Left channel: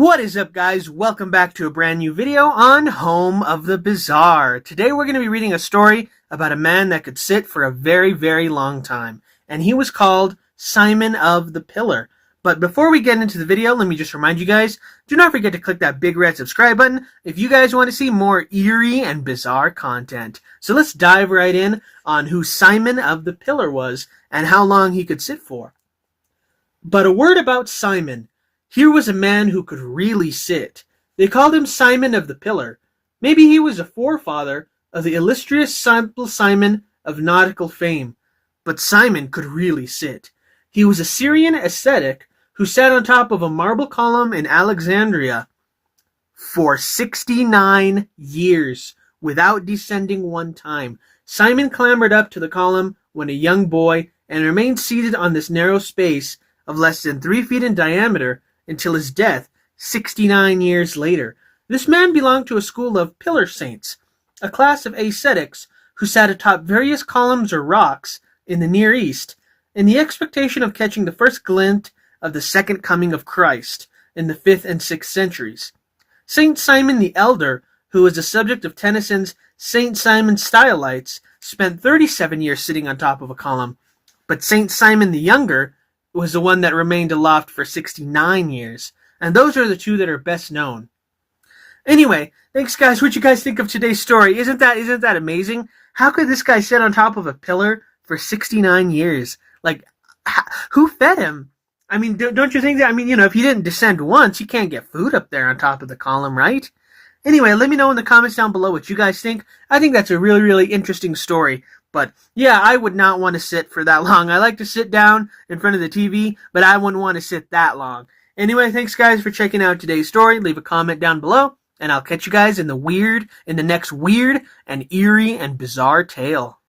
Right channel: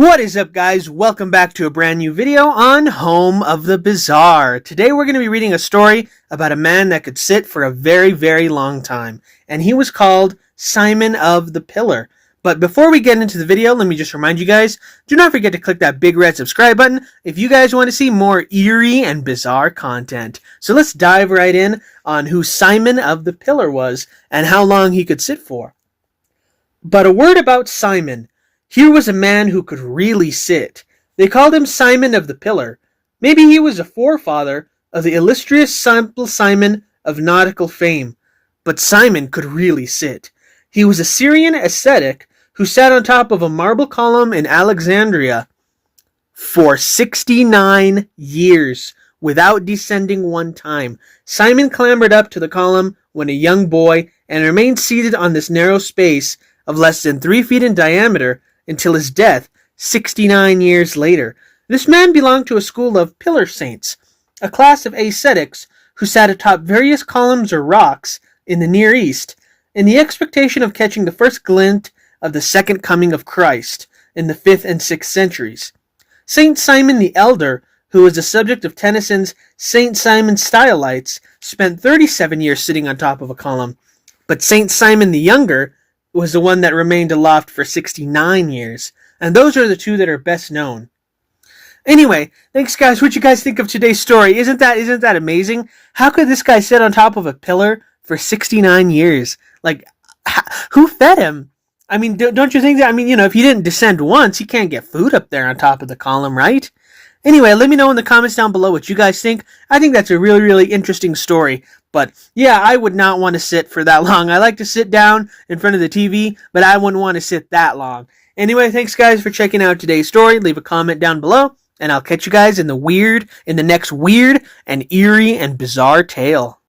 What is up, guys? Welcome back to a brand new video on Home of the Bizarre. Today we're going to be reading a story about a man that could sit for a very, very long time, and he was called Simon of the Pillar. But before we get into the video, let me just remind you guys, do not forget to click that big red subscribe button if you guys want to see more eerie and bizarre content. So let's dive right in on who Simon of the Pillar was and how long he could sit for. But a word about Simon. Here was a man who could really sit. They called him Simon of the Pillar. Maybe he was a forefather of the illustrious Simple Simon of nautical fame. But Simon could really sit. He was a Syrian ascetic who sat on top of a marble column in Alexandria for 69 years without descending one time. Simon clambered up to the column when a young boy and remained seated on this narrow space of less than 3 feet in diameter until his death 69 years later. This man belonged to a school of pillar saints, a class of ascetics who sat atop various columns or rocks in the Near East in the expectation of catching the first glint of the second coming of Christ in the 5th and 6th centuries. Saint Simon the Elder, who was the subject of Tennyson's Saint Simon Stylites, spent 37 years sitting on top of a column, but Saint Simon the Younger was the one that remained aloft for 69 years. And those are the two that are best known. Anyway, thanks guys. What you guys think of today's story? Isn't that amazing? How could this guy sit on top of a pillar for 69 years? Like, who fed him? I mean, don't you think that? I mean, if he didn't descend once, he can't get food up there on top of the column, right? Anyway, let me know in the comments down below what you guys think. I think that's a really, really interesting story. But yeah, I would not want to sit for that long. I like to sit down in front of the TV, but I wouldn't want to sit that long. Anyway, thanks guys for checking out today's story. Leave a comment down below, and I'll catch you guys in the next weird and eerie and bizarre tale.